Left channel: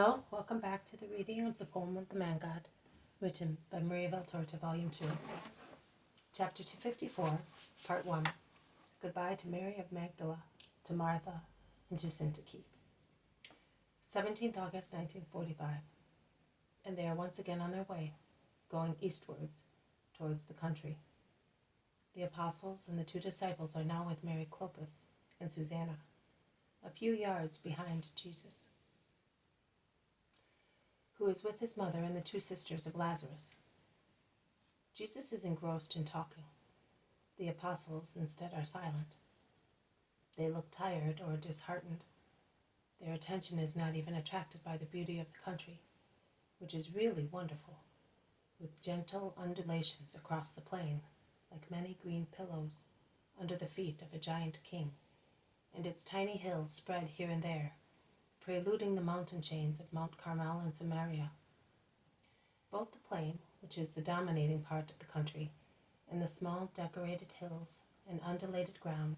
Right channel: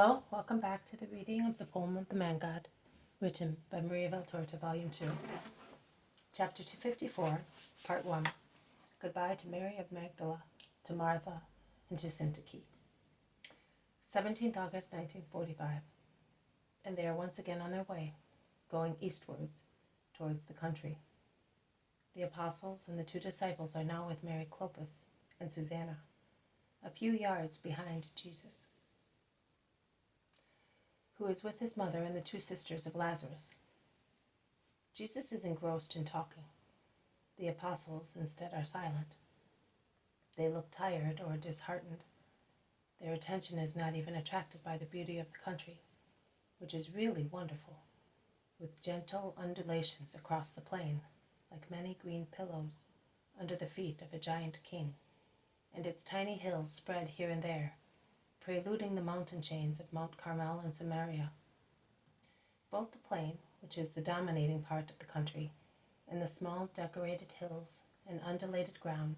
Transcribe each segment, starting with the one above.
Hello, welcome back to the reading of the poem of the Man God, written by Maria Valtorta, Volume 2, Chapter 254, Part 1. Goodbye to Mary of Magdala, to Martha, and to Syntyche. 17th August 1945. And they are once again on their way, going eastwards, towards the country. The apostles and the two disciples are now with Mary Clopas and Susanna, a few yards behind Jesus, who is with his mother and the two sisters of Lazarus. Jesus is engrossed in talking. The apostles instead are silent. They look tired or disheartened. Their attention is not even attracted by the beauty of the country, which is really wonderful, with gentle undulations across the plain, like many green pillows under the feet of a giant king, and its tiny hills spread here and there, preluding the mountain chains of Mount Carmel and Samaria. Both the plain, which is the dominating part of the country, and the small decorated hills and undulated ground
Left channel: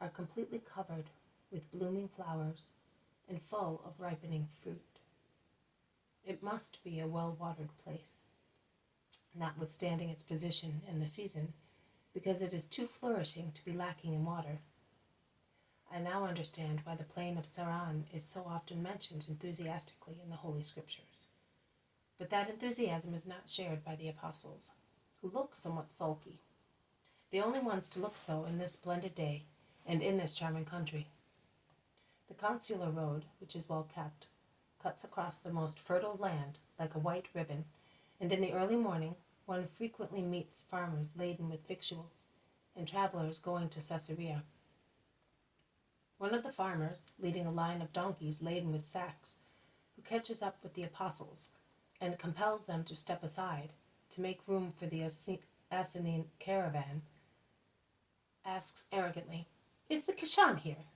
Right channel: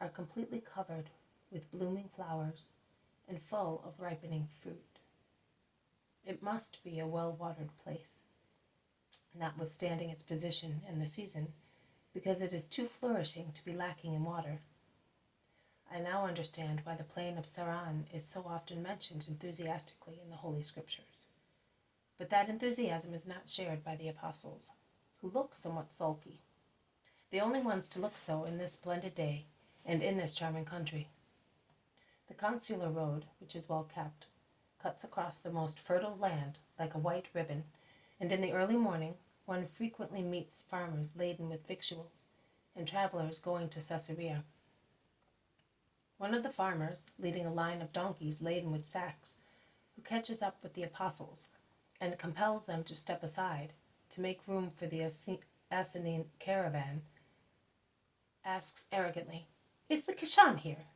are completely covered with blooming flowers and full of ripening fruit. It must be a well-watered place, notwithstanding its position and the season, because it is too flourishing to be lacking in water. I now understand why the plain of Saran is so often mentioned enthusiastically in the Holy Scriptures. But that enthusiasm is not shared by the apostles, who look somewhat sulky, the only ones to look so in this splendid day and in this charming country. The consular road, which is well kept, cuts across the most fertile land like a white ribbon, and in the early morning one frequently meets farmers laden with victuals and travelers going to Caesarea. One of the farmers, leading a line of donkeys laden with sacks, who catches up with the apostles and compels them to step aside to make room for the Assassine caravan, asks arrogantly, "Is the Kishan here?"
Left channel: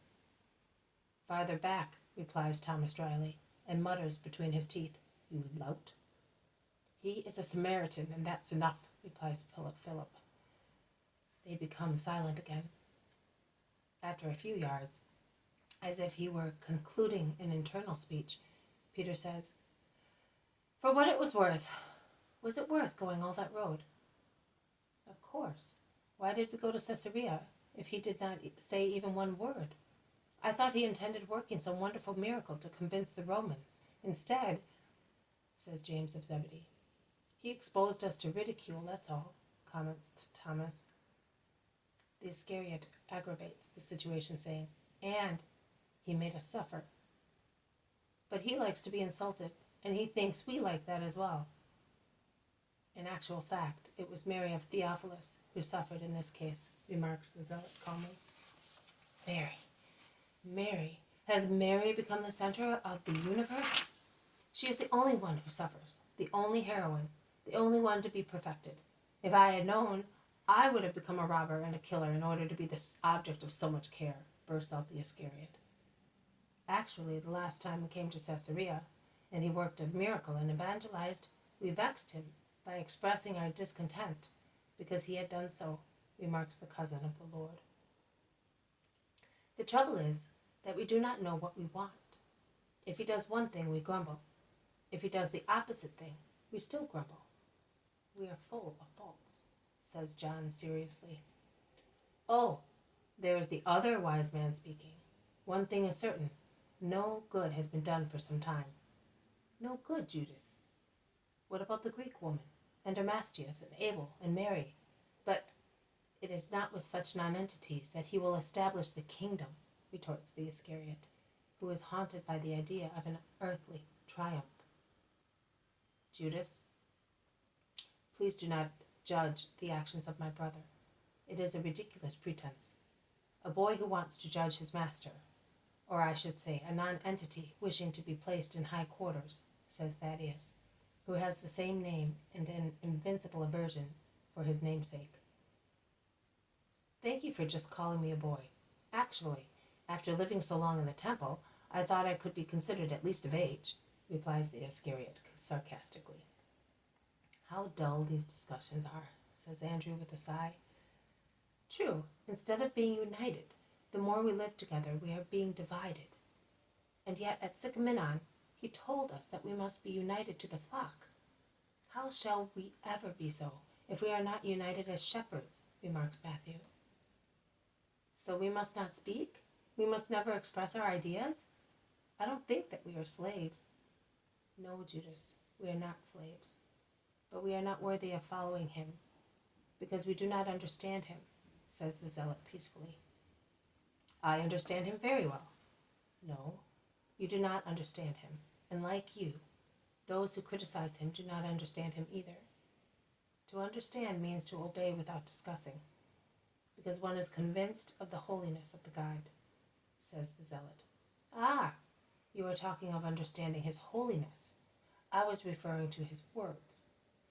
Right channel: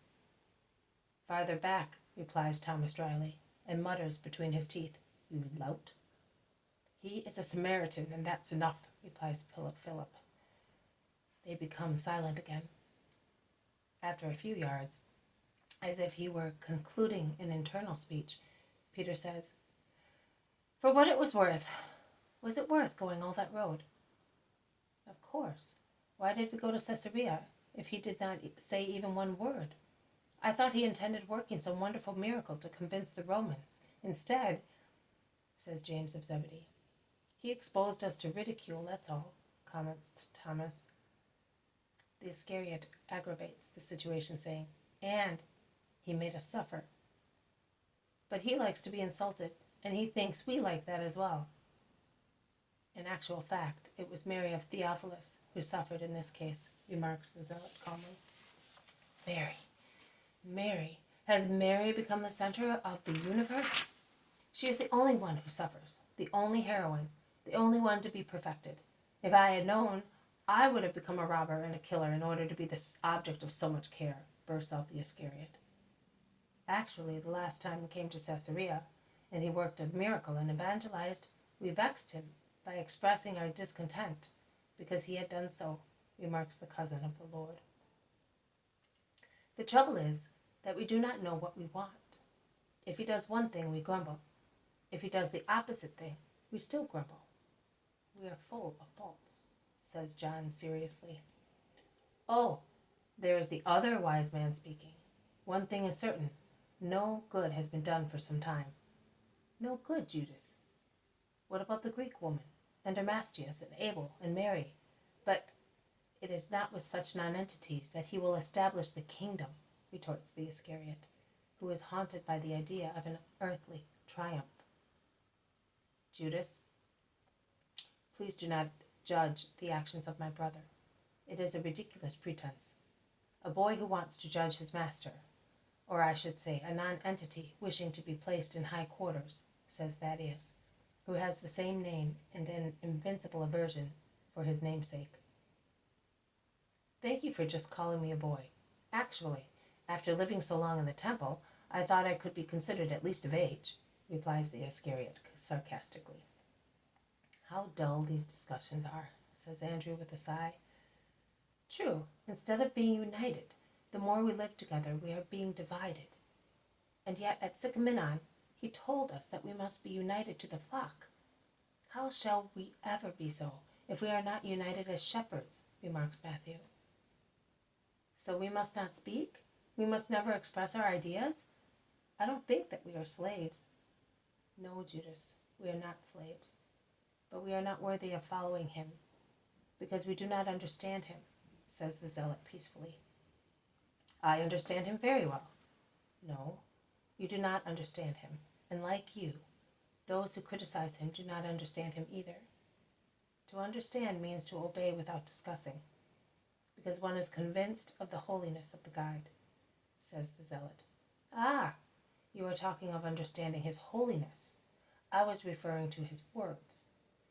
"Farther back," replies Thomas dryly, and mutters between his teeth, "You lout." "He is a Samaritan, and that's enough," replies Philip. They become silent again. After a few yards, as if he were concluding an internal speech, Peter says, "For what it was it worth going all that road?" "Of course. Why did we go to Caesarea if he did not say even one word? I thought he intended working some wonderful miracle to convince the Romans. Instead," says James of Zebedee, "he exposed us to ridicule, that's all," comments Thomas. The Iscariot aggravates the situation, saying, "And he made us suffer." But he likes to be insulted, and he thinks we like that as well. In actual fact, it was Mary of Theophilus who suffered in this case, remarks the zealot calmly. Mary. Has Mary become the center of the universe? She is the only one who suffers, the only heroine, the only one to be perfected. If I had known, I would have become a robber and a killer in order to be the object of so much care, bursts out the Iscariot. Actually, the last time we came to Caesarea, and he worked a miracle and evangelized, we vexed him by expressing our discontent because he had done so, remarks the cousin of the Lord. The trouble is that we do not know what we want. If he does one thing, we grumble. If he does the opposite thing, we still grumble. We are full of faults, says John seriously. "Oh, there is the other wise man speaking. One thing is certain, no good has been done for some time." "No good, Judas? What about the Greek woman, and Armastius, and Abel, and Mary? But it is not with such nonentities that he will establish the kingdom," retorts the Iscariot, who is haunted by the idea of an earthly triumph. "Judas, please do not judge the actions of my brother. It is a ridiculous pretense. A boy who wants to judge his master, or I should say a non-entity wishing to be placed in high quarters," says Thaddeus, who has the same name and an invincible aversion for his namesake. "Thank you for just calling me a boy. Actually, after living so long in the temple, I thought I could be considered at least of age," replies the Iscariot sarcastically. "How dull these discussions are," says Andrew with a sigh. "True, instead of being united, the more we live together we are being divided. And yet at Sycamore He told us that we must be united to the flock. How shall we ever be so if we are not united as shepherds, remarks Matthew. So we must not speak? We must never express our ideas? I don't think that we are slaves. No, Judas, we are not slaves. But we are not worthy of following him, because we do not understand him, says the zealot peacefully. I understand him very well. No, you do not understand him, and like you, those who criticize him do not understand him either. To understand means to obey without discussing, because one is convinced of the holiness of the guide, says the zealot. Ah, you are talking of understanding his holiness. I was referring to his words.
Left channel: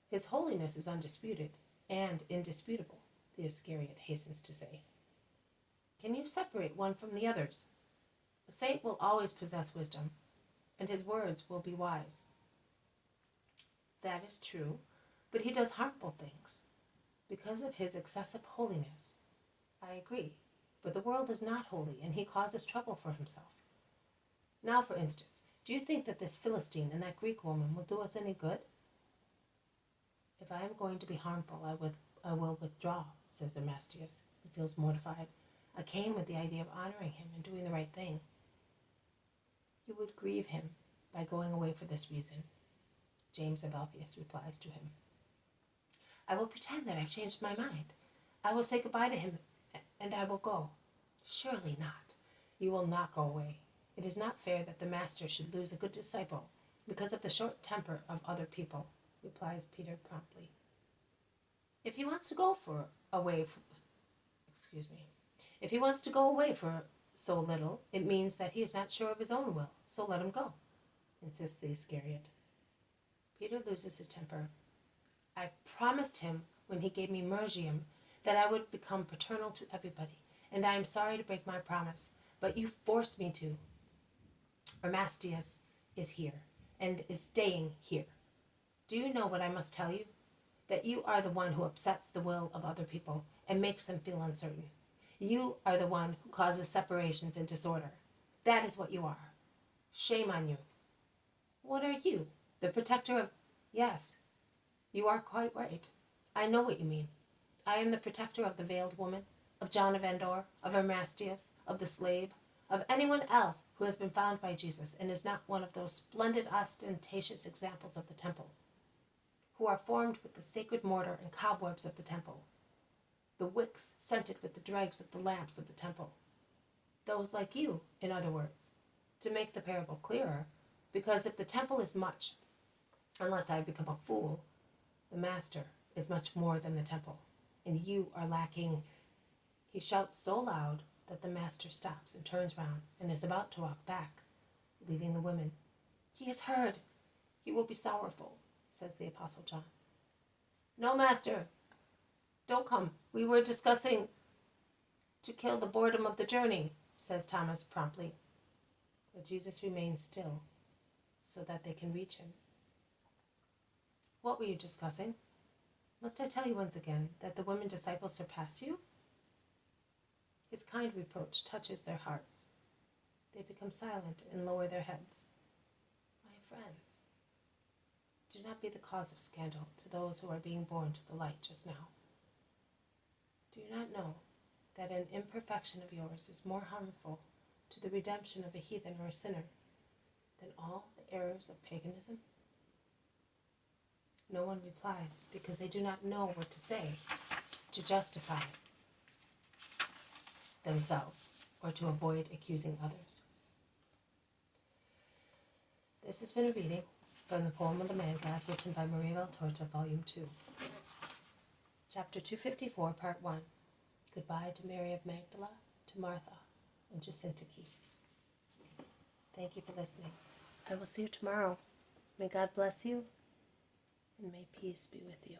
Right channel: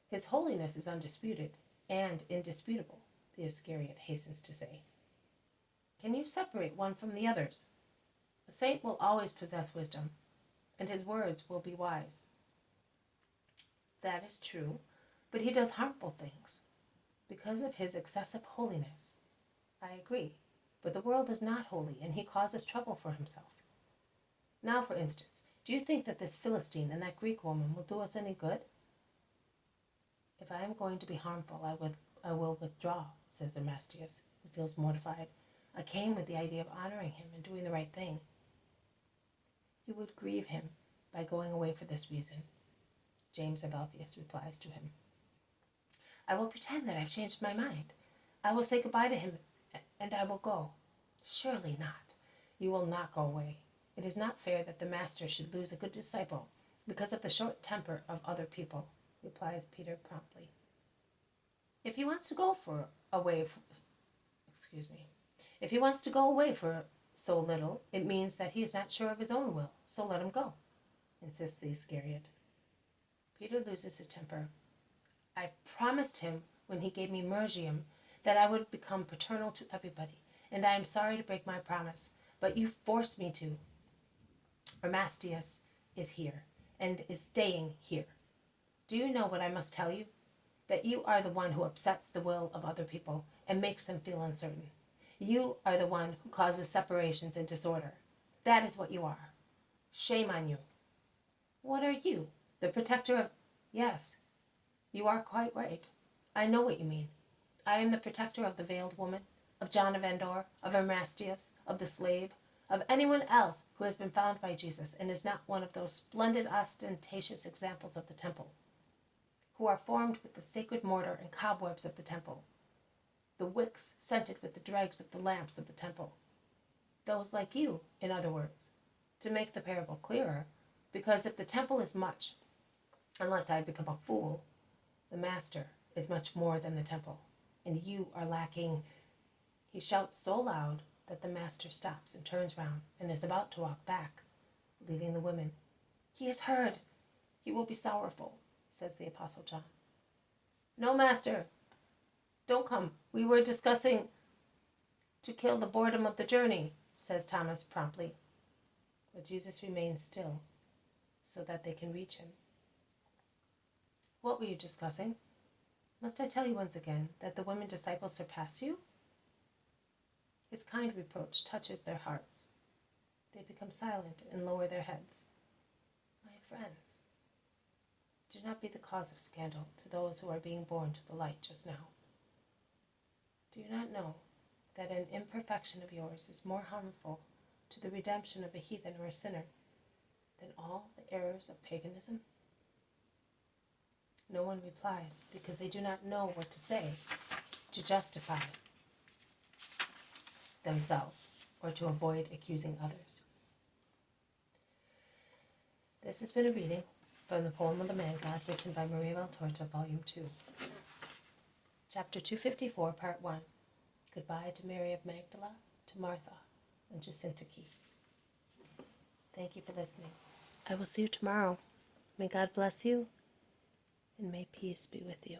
His holiness is undisputed and indisputable, the Iscariot hastens to say. Can you separate one from the others? A saint will always possess wisdom, and his words will be wise. That is true, but he does harmful things. Because of his excessive holiness, I agree, but the world is not holy, and he causes trouble for himself. Now, for instance, do you think that this Philistine and that Greek woman will do us any good? If I am going to be harmful, I will withdraw, says Amastius, who feels mortified. I came with the idea of honoring him and doing the right thing. You would grieve him by going away for this reason, James of Alphaeus replies to him. I will pretend that I've changed my mind. I will say goodbye to him, and I will go. Surely not. You will not go away. It is not fair that the master should lose a good disciple because of the short temper of other people, replies Peter promptly. If he wants to go away for so little, it means that he is not sure of his own will, so let him go, insists the Iscariot. Peter loses his temper. I promised him when he gave me Mergium that I would become paternal to everybody, and I am sorry to break my promise, but you forced me to. Amastius is here, and is staying here. Do you know what I must tell you? That you are the one who upsets the will of other people and makes them feel uncertain. You are the one who causes separations and disorder. That is what you are. Shame on you. What are you? The protector of... Yes, you are quite right. I know what you mean. I am the protector of the veiled woman, of John of Endor, of Amastius, of the slave, of anyone else who has been found by Jesus and is not one of those splendid ostentatious examples of the temple, who are formed with the sacred mortar and cobwebs of the temple, the wicks scented with the dregs of the lamps of the temple. Those like you, in other words, to make the parable clearer, because if the temple is much, unless I become a fool, the master is much more than the temple, and you are lacking. He shouts so loud that the master stops and turns round and is about to walk back, leaving the women. He is heard. He will be sorrowful, says the Apostle John. No, master, don't come. We were discussing to kill the boredom of the journey, says Thomas promptly. But Jesus remains still so that they can reach him. What were you discussing? Must I tell you once again that the women disciples surpass you? His kind reproach touches their hearts. They become silent and lower their heads. My friends, do not be the cause of scandal to those who are being born to the light just now. Do you not know that an imperfection of yours is more harmful to the redemption of a heathen or a sinner than all the errors of paganism? No one replies because they do not know what to say to justify themselves or to avoid accusing others. This has been a reading from the poem of the Man God, written by Maria Valtorta, Volume 2. Chapter 254, Part 1. Goodbye to Mary of Magdala, to Martha, and to Syntyche. Thank you for listening. I will see you tomorrow. May God bless you, and may peace be with you.